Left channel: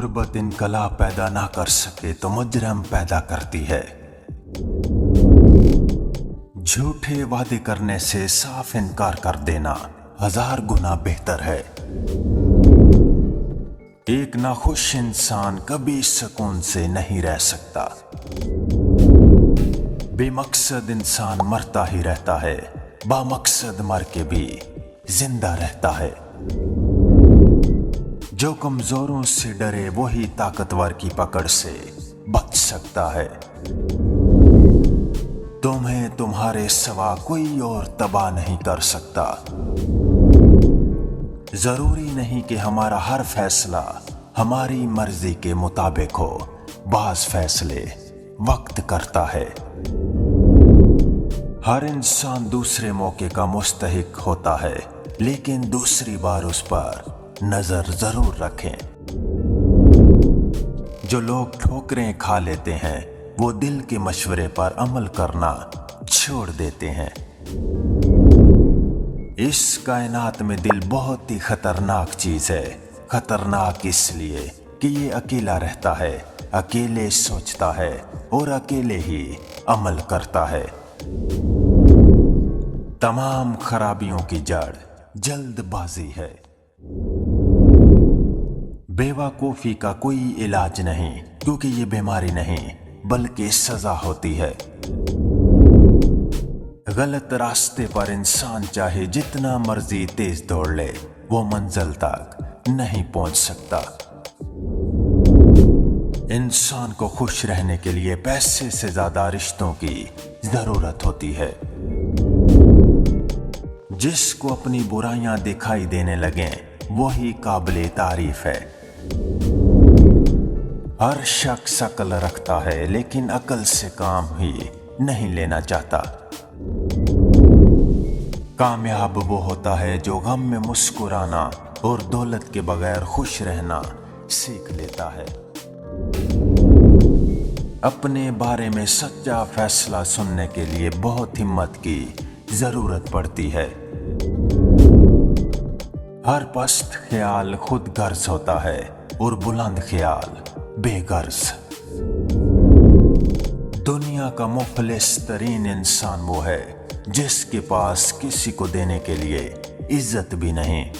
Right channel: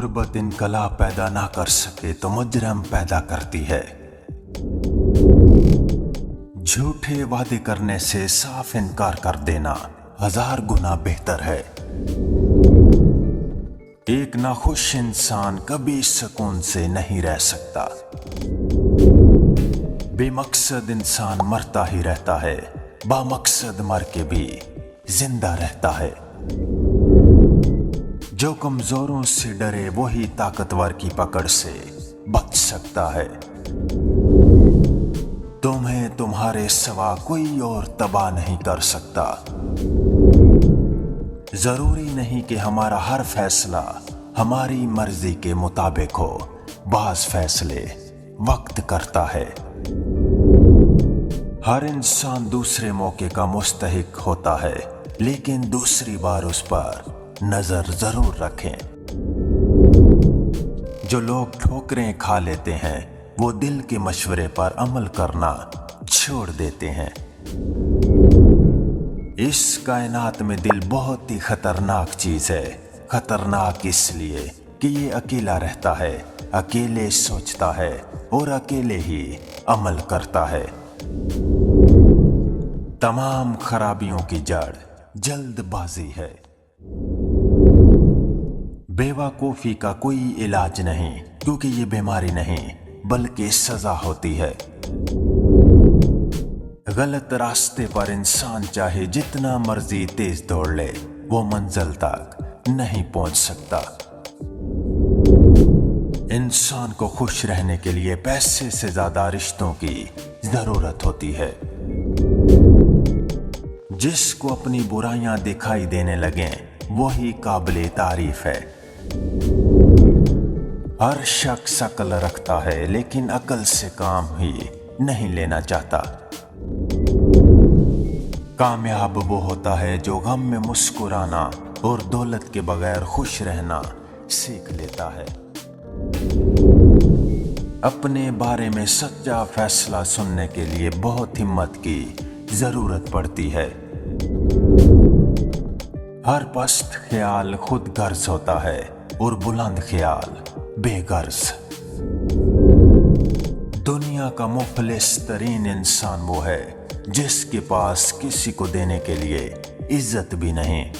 गुर्बत इनकलाब पैदा ना कर सके तो मुजरम पैदा करती है। झूठे वादे करने से साफ इनकार कर देना 1000 गुना बेहतर है। एक नाखुश इंसान कभी सुकून से नहीं रह सकता। बेमकसद इंसान मरता ही रहता है, बामकसद मर के भी जिंदा रहता है। जो कमजोरों से डरे वही ताकतवर की पकड़ से बच सकता है। तुम्हें तुम्हारे सिवा कोई और तबाह नहीं कर सकता। जरूरी नहीं कि हमारा हर फैसला हमारी मर्जी के मुताबिक हो। बाज़ फैसले वक्त करता है। हर इंसान दूसरे मौके का मुस्तहिक होता है, लेकिन दूसरी बार उस पर नजर जरूर रखें। जो लोग ठोकरें खा लेते हैं वो दिल के मशवरे पर अमल करना छोड़ देते हैं। इस कायनात में दिल बहुत ही खतरनाक चीज है। खतरनाक इसलिए कि ये अकेला रहता है, अकेले सोचता है और अकेले ही अमल करता है। तमाम खराबियों की जड़ जल्दबाजी है। बेवकूफी का कोई इलाज नहीं, क्योंकि ये बीमारी नहीं बल्कि सजा होती है। गलत रास्ते पर इंसान चाहे जितना मर्जी तेज दौड़ ले, वो मंजिल तक नहीं पहुंच सकता। इंसान को खुश रहने के लिए पैसे से ज्यादा रिश्तों की जरूरत होती है। जिसको अपनी बुराइयां दिखाई देने लगे वही काबिले तारीफ है। हर शख्स अक्ल रखता है, लेकिन अक्ल से काम ही नहीं लेना चाहता। कामयाब वो होता है जो गम में मुस्कुराना और दौलत के बगैर खुश रहना सीख लेता है। अपने बारे में सच्चा फैसला सुनने के लिए बहुत हिम्मत की जरूरत पड़ती है। हर पस्त ख्याल खुद गर्ज होता है और बुलंद ख्याल बेगर्ज। दुनिया का मुफलिस तरीन इंसान वो है जिसके पास किसी को देने के लिए इज्जत भी नहीं